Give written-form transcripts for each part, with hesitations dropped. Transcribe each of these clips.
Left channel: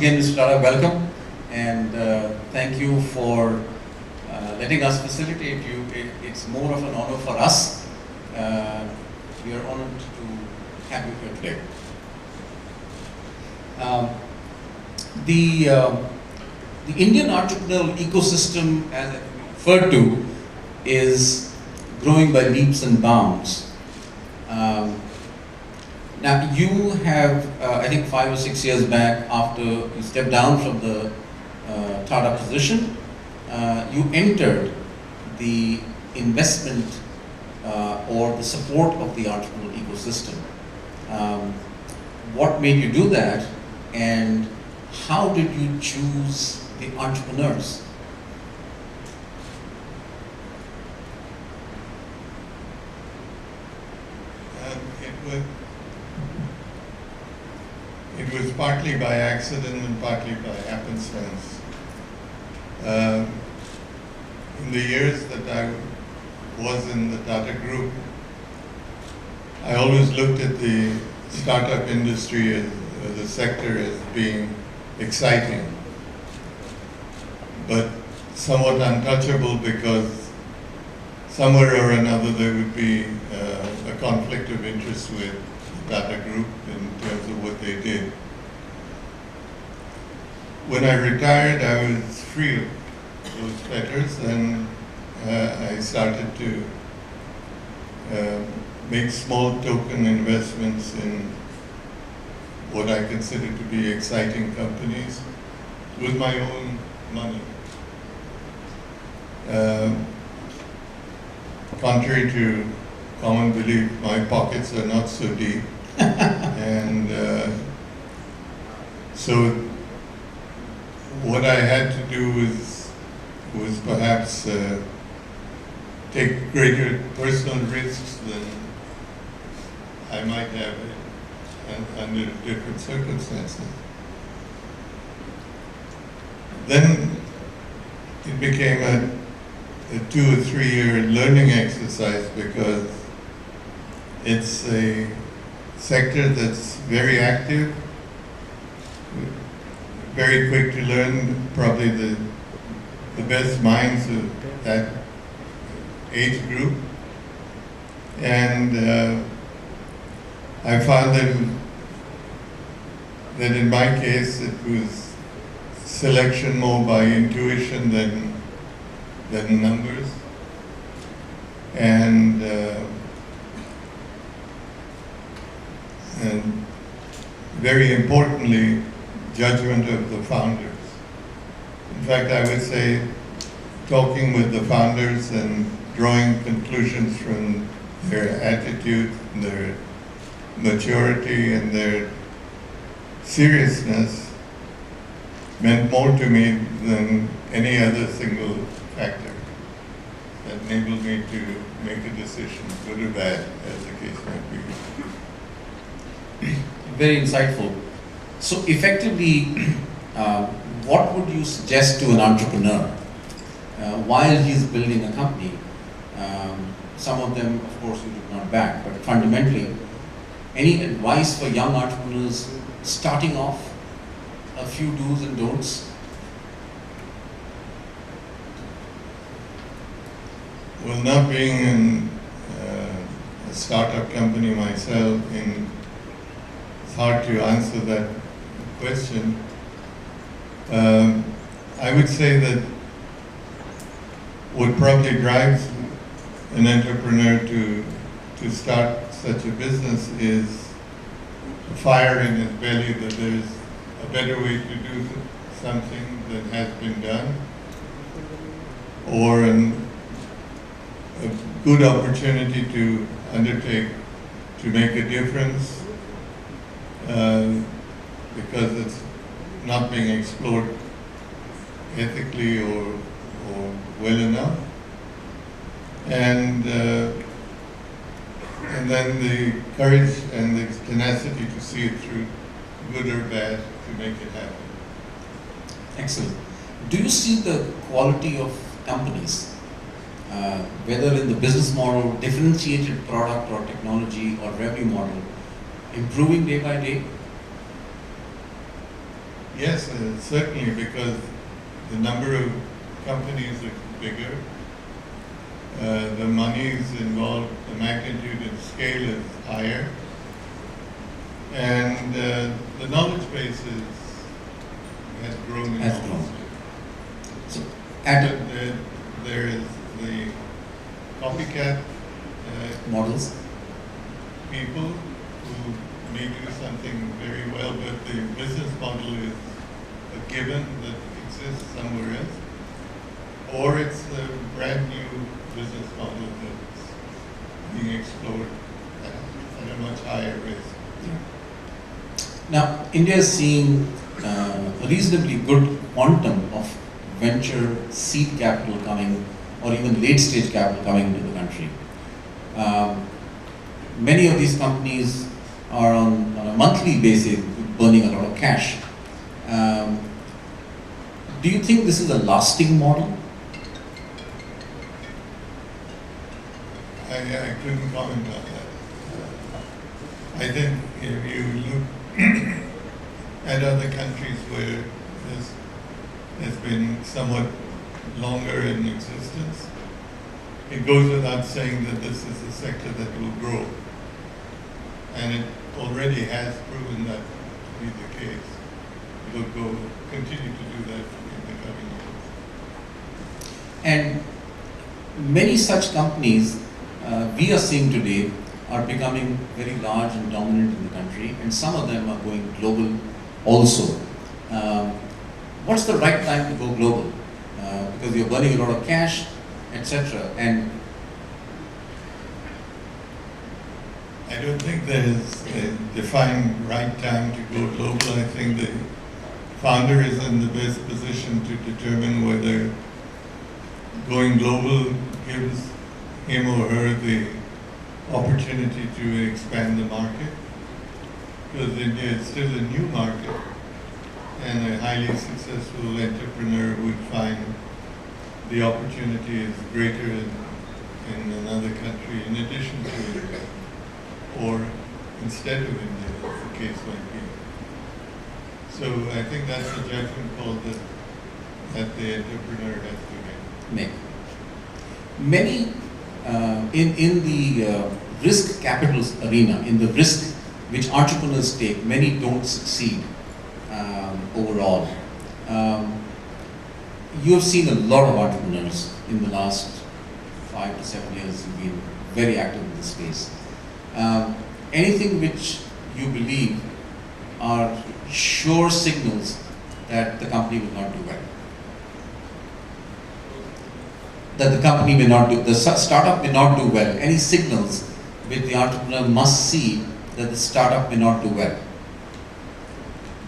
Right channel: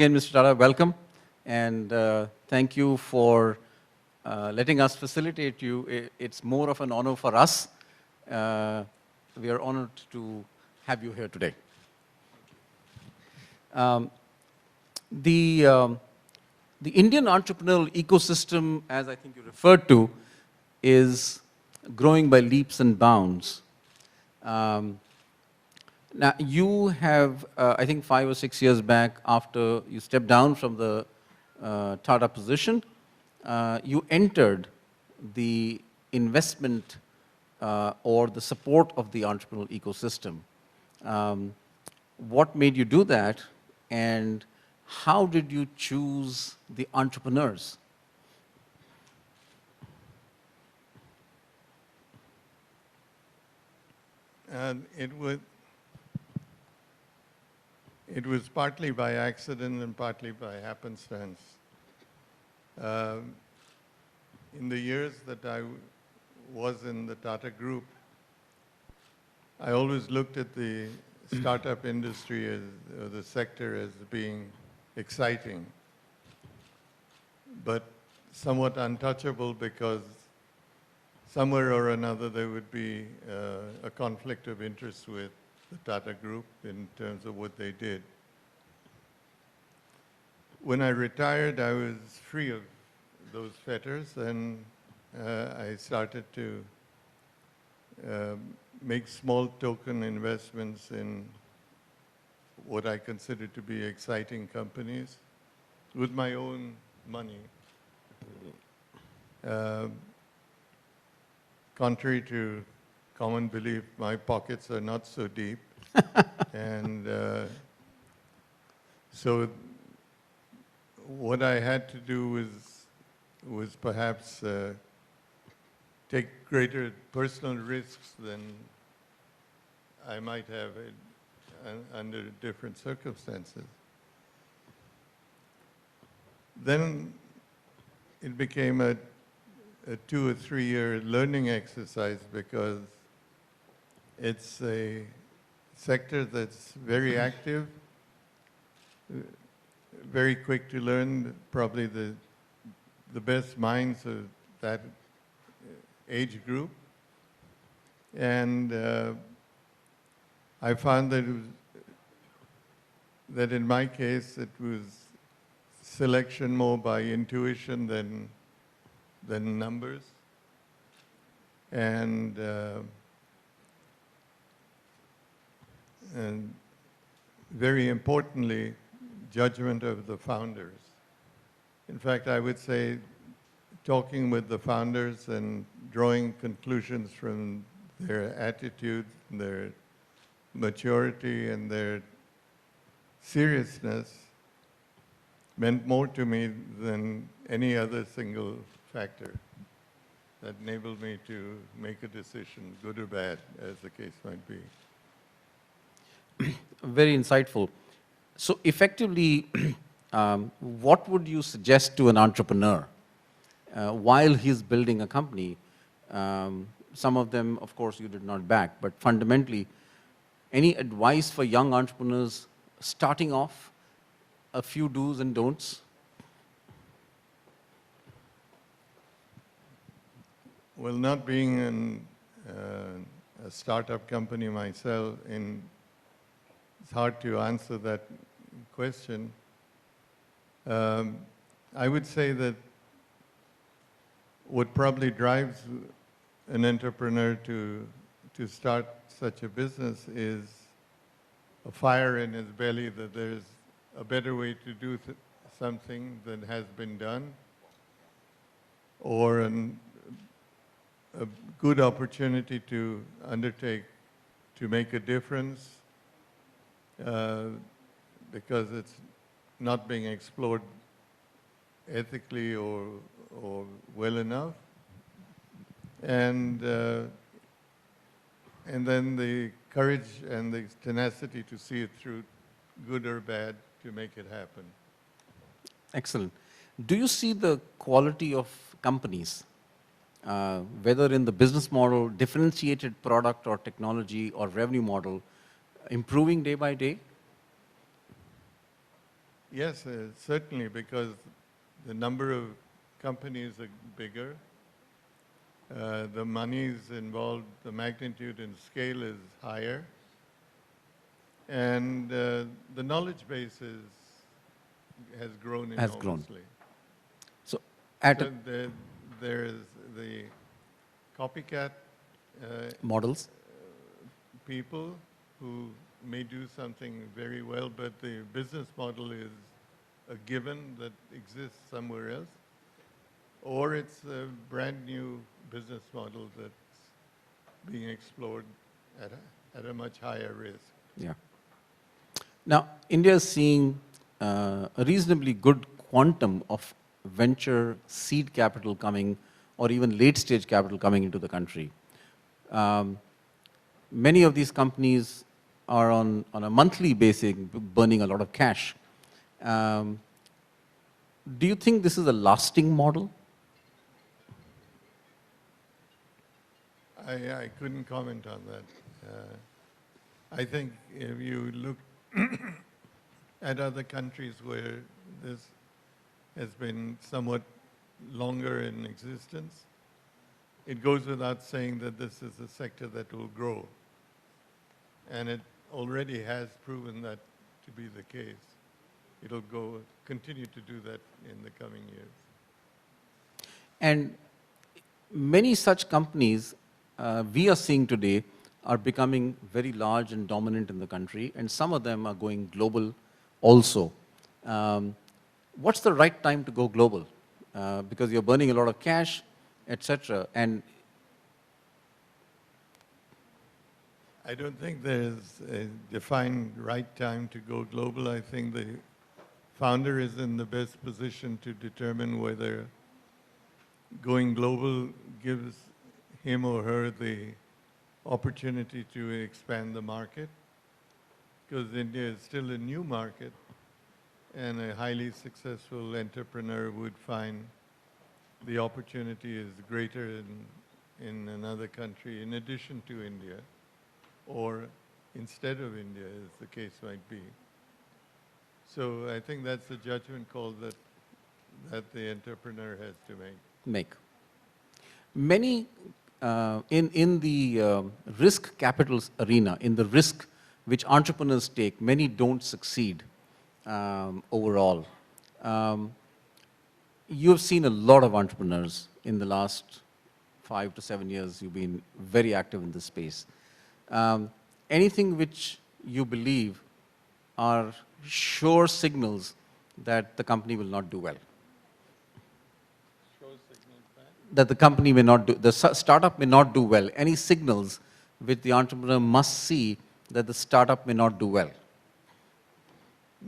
again, Mr. Tata, welcome, and thank you for letting us facilitate you. It's more of an honor for us. We are honored to have you here today. The Indian entrepreneurial ecosystem, as I referred to, is growing by leaps and bounds. Now you have, I think 5 or 6 years back, after you stepped down from the Tata position, you entered the investment or the support of the entrepreneurial ecosystem. What made you do that, and how did you choose the entrepreneurs? It was partly by accident and partly by happenstance. In the years that I was in the Tata Group, I always looked at the startup industry as the sector as being exciting, but somewhat untouchable, because somewhere or another there would be a conflict of interest with the Tata Group in terms of what they did. When I retired, I was free of those fetters, and I started to make small token investments in what I consider to be exciting companies with my own money. Contrary to common belief, my pockets are not so deep. And so what I had to do was perhaps take greater personal risks than I might have under different circumstances. Then it became a 2 or 3 year learning exercise, because it's a sector that's very active, very quick to learn, probably the best minds of that age group. And I found that in my case it was selection more by intuition than numbers. And very importantly, judgment of the founders. In fact, I would say talking with the founders and drawing conclusions from their attitude, their maturity, and their seriousness meant more to me than any other single factor that enabled me to make a decision, good or bad, as the case might be. Very insightful. So effectively, what would you suggest to an entrepreneur while he's building a company? Some of them, of course, you do not back, but fundamentally, any advice for young entrepreneurs starting off? A few do's and don'ts? Well, not being in a startup company myself, it's hard to answer that question. I would say that what probably drives an entrepreneur to start such a business is a fire in his belly that there's a better way to do something that has been done, or a good opportunity to undertake, to make a difference, because it's not being explored ethically or well enough. And then the courage and the tenacity to see it through, good or bad, to make it happen. Excellent. Do you see the quality of companies, whether in the business model, differentiated product or technology or revenue model, improving day by day? Yes, certainly, because the number of companies is bigger, the monies involved, the magnitude and scale is higher, and the knowledge base has grown. Has grown. So, there is the copycat models. people who may do something very well, but the business model is a given that exists somewhere else, or it's a brand new business model that's being explored at a much higher risk. Now, India is seeing a reasonably good quantum of venture seed capital coming, or even late stage capital coming into the country. Many of these companies are on a monthly basis burning a lot of cash. Do you think this is a lasting model? I couldn't comment on that. I think if you look at other countries where this has been somewhat longer in existence, it goes without saying that this is a sector that will grow. And it already has proven that to be the case. It will continue to do that in the coming years. And many such companies we are seeing today are becoming very large and dominant in the country, and some of them are going global also. What's the right time to go global? Because you're burning a lot of cash, etc. And I don't think there is a defined right time to go global. I think the founder is in the best position to determine whether going global gives him or her the opportunity to expand the market. Because India is still a new market, and a highly successful entrepreneur would find the opportunity is greater in another country in addition to India, or instead of India, as the case might be. So I think that's a judgment call that the entrepreneur has to make. Many in the risk capital arena, in the risk which entrepreneurs take, many don't succeed overall. You've seen a lot of entrepreneurs in the last 5 to 7 years. You've been very active in this space. Anything which you believe are sure signals that the company will not do well? That the company may not do, the startup may not do well. Any signals which the entrepreneur must see that the startup may not do well?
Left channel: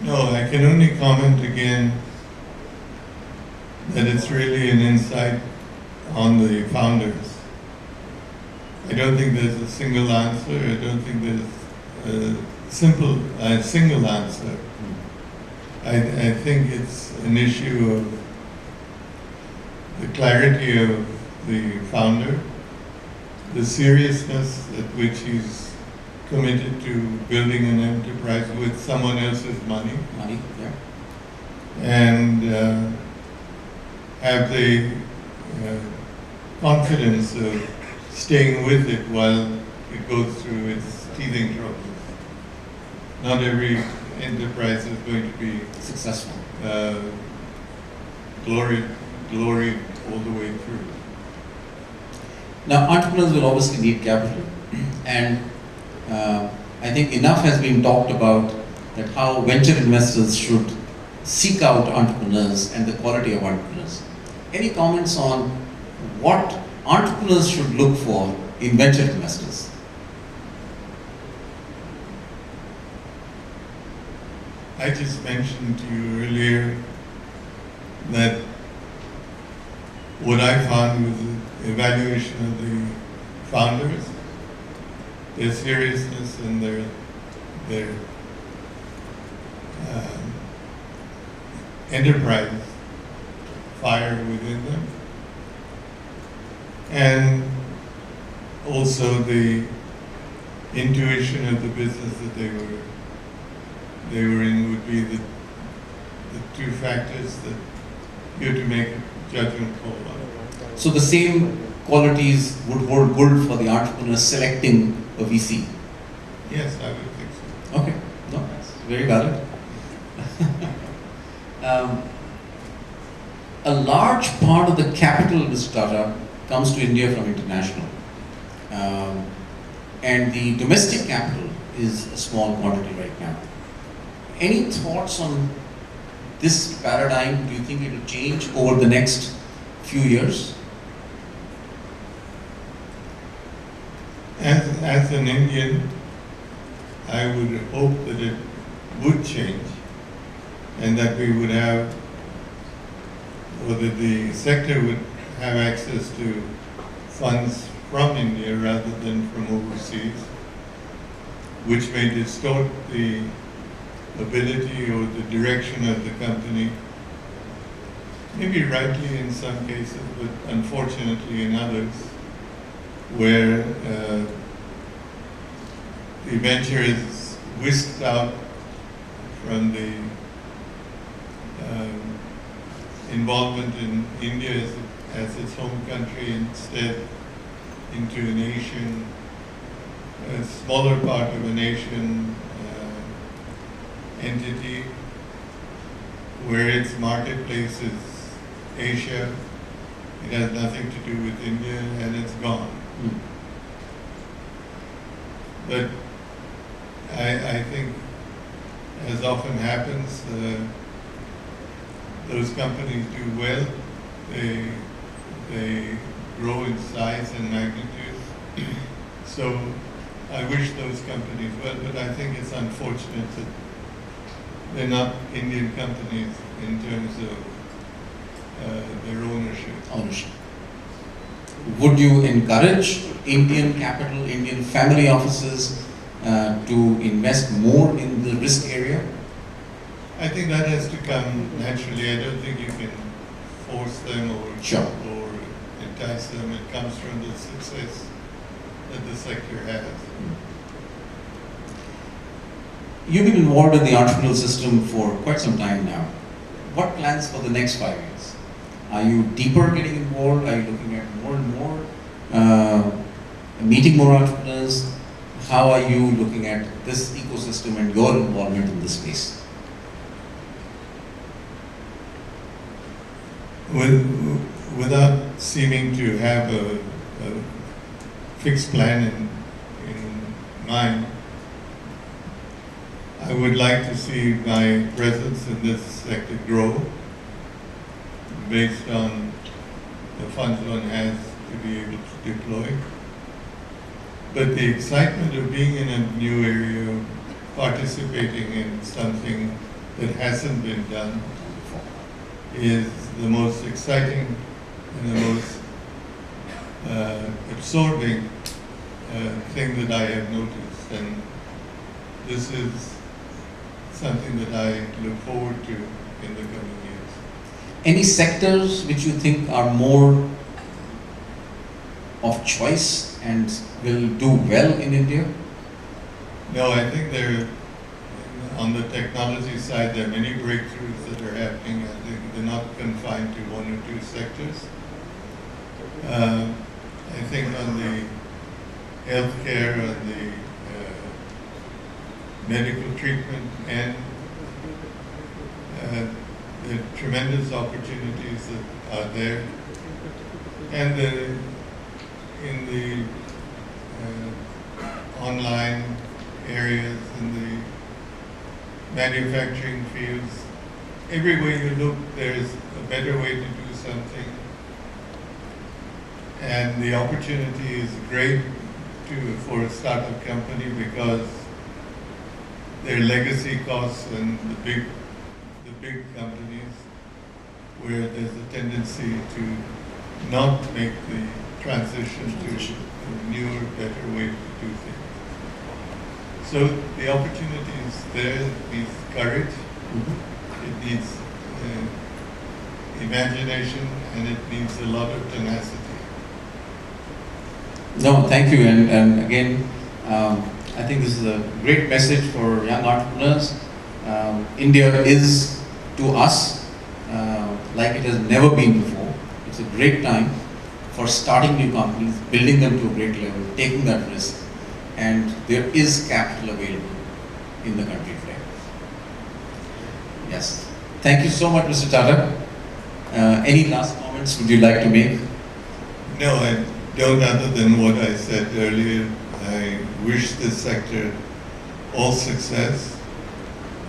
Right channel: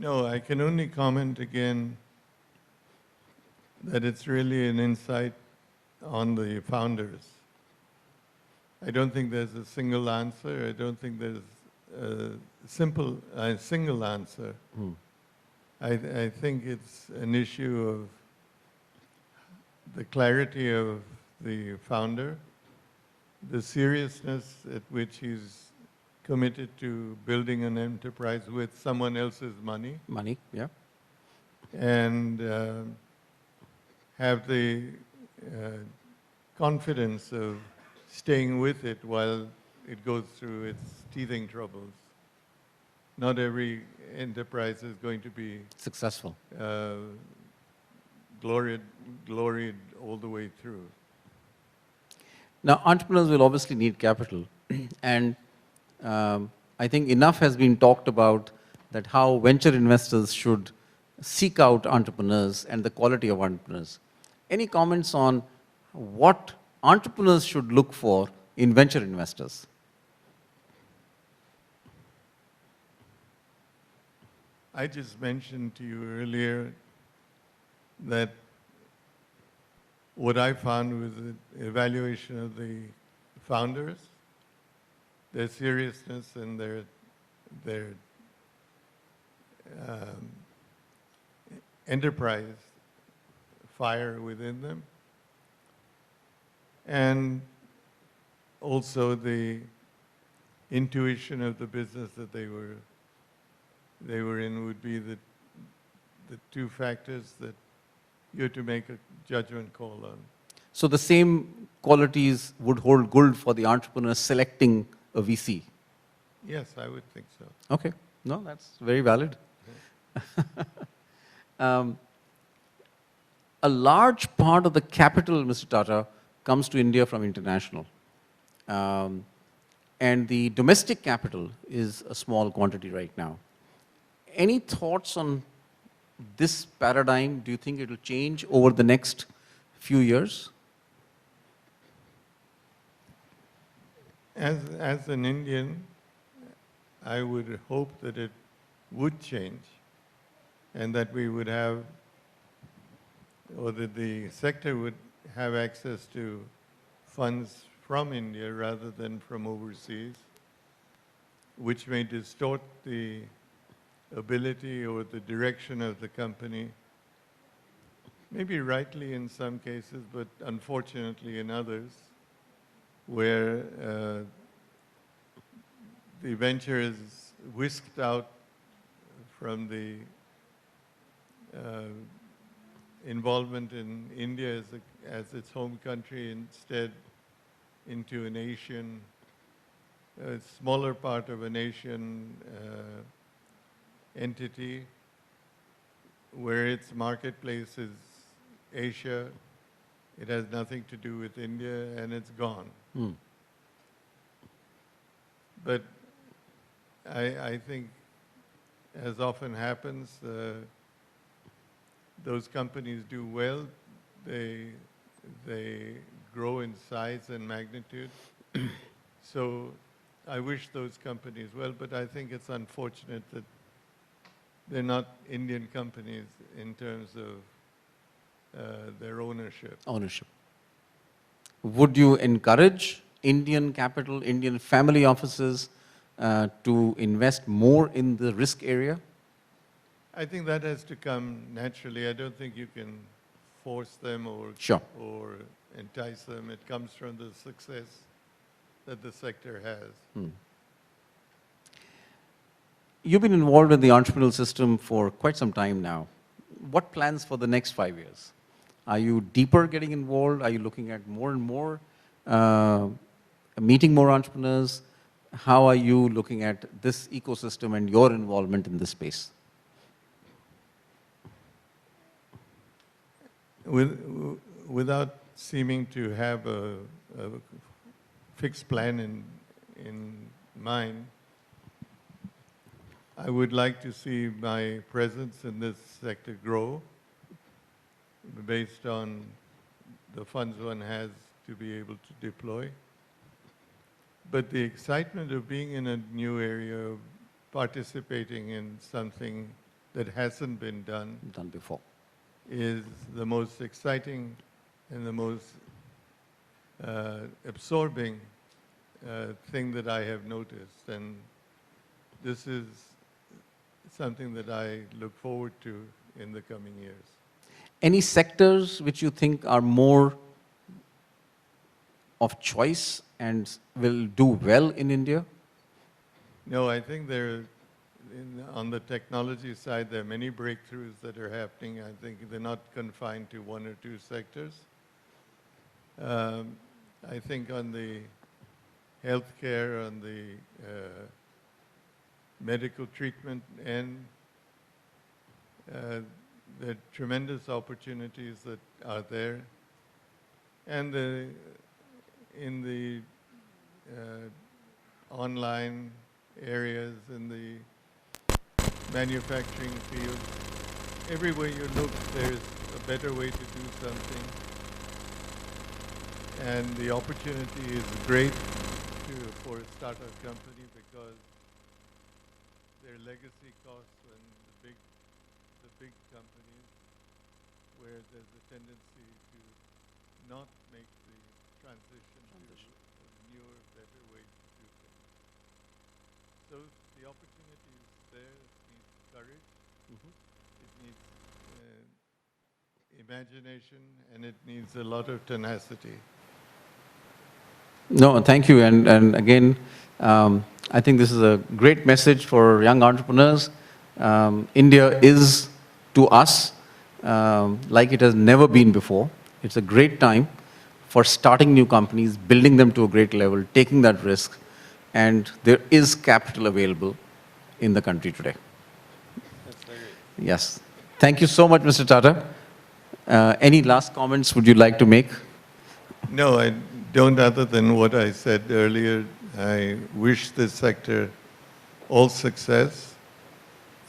No, I can only comment again that it's really an insight on the founders. I don't think there's a single answer. I don't think there's a single answer. I think it's an issue of the clarity of the founder, the seriousness at which he's committed to building an enterprise with someone else's money. Money, yeah. And have the confidence of staying with it while it goes through its teething troubles. Not every enterprise is going to be Successful. glory all the way through. Now, entrepreneurs will obviously need capital, and I think enough has been talked about that how venture investors should seek out entrepreneurs and the quality of entrepreneurs. Any comments on what entrepreneurs should look for in venture investors? I just mentioned to you earlier that what I found was the evaluation of the founders, their seriousness and their enterprise fire within them, and also the intuition of the business that they were in would be the two factors that you have to make a judgment call on. So the same qualities would hold good for the entrepreneur selecting a VC? Yes, I would think so. Okay, no, that's very valid. A large part of the capital, Mr. Tata, comes to India from international. And the domestic capital is a small quantity right now. Any thoughts on this paradigm? Do you think it will change over the next few years? As an Indian, I would hope that it would change and that we would have, or that the sector would have access to funds from India rather than from overseas, which may distort the ability or the direction of the company, maybe rightly in some cases, but unfortunately in others, where the venture is whisked out from the involvement in India as its home country, instead into an Asian, a smaller part of an Asian entity, where its marketplace is Asia. It has nothing to do with India, and it's gone. But I think, as often happens, those companies do well. They grow in size and magnitude. So I wish those companies well, but I think it's unfortunate that they're not Indian companies in terms of their ownership. Would you encourage Indian capital, Indian family offices to invest more in the risk area? I think that has to come naturally. I don't think you can force them or entice them. It comes from the success that the sector has. You've been involved in the entrepreneurial system for quite some time now. What plans for the next 5 years? Are you deeper getting involved? Are you looking at more and more, meeting more entrepreneurs? How are you looking at this ecosystem and your involvement in the space? Without seeming to have a fixed plan in mind, I would like to see my presence in this sector grow based on the funds one has to be able to deploy. But the excitement of being in a new area, participating in something that hasn't been done, is the most exciting and the most absorbing thing that I have noticed. And this is something that I look forward to in the coming years. Any sectors which you think are more of choice and will do well in India? No, I think on the technology side, there are many breakthroughs that are happening. I think they're not confined to one or two sectors. I think on the healthcare, on the medical treatment, and the tremendous opportunities that are there, and in the online areas, in the manufacturing fields, everywhere you look, there's a better way to do something, and the opportunity is great for a startup company because their legacy costs and the big companies, where there's a tendency to not make the transition to a newer, better way to do things. So the opportunity is there. It needs courage, it needs imagination, and it needs a lot of tenacity. No, thank you. And again, I think this is a great message for young entrepreneurs. India is to us like it has never been before. It's a great time for starting new companies, building them to a great level, taking that risk, and there is capital available in the country today. Yes. Thank you so much, Mr. Tata. Any last comments would you like to make? No, I don't, other than what I said earlier. I wish this sector all success.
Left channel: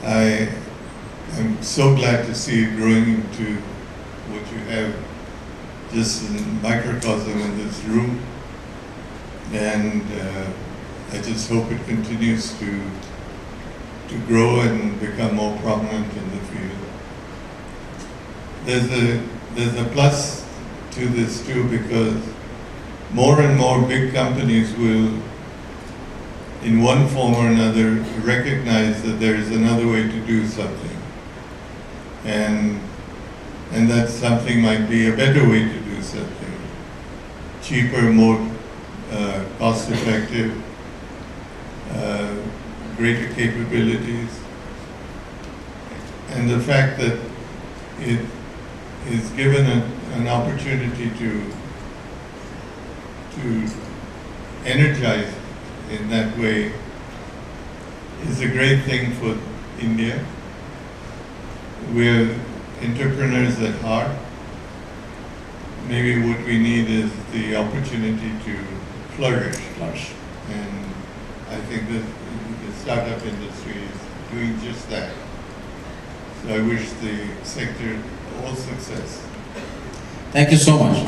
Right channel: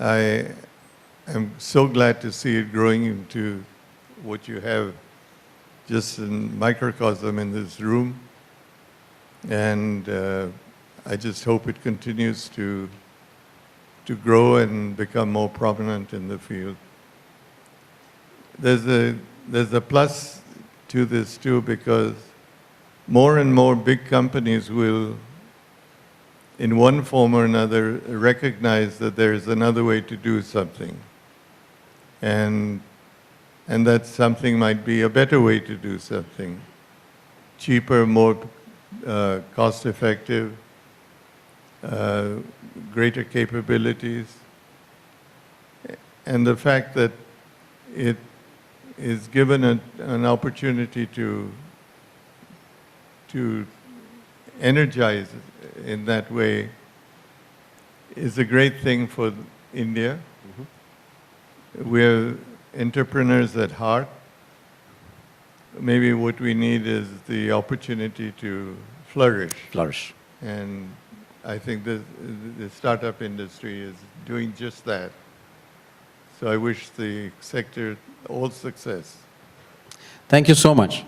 I am so glad to see it growing into what you have just in microcosm in this room. And I just hope it continues to grow and become more prominent in the field. There's a plus to this too, because more and more big companies will, in one form or another, recognize that there is another way to do something. And that something might be a better way to do something. Cheaper, more cost-effective, greater capabilities. And the fact that it is given an opportunity to energize in that way is a great thing for India. We're entrepreneurs at heart. Maybe what we need is the opportunity to flourish. And I think that the startup industry is doing just that. So I wish the sector all success. Thank you so much.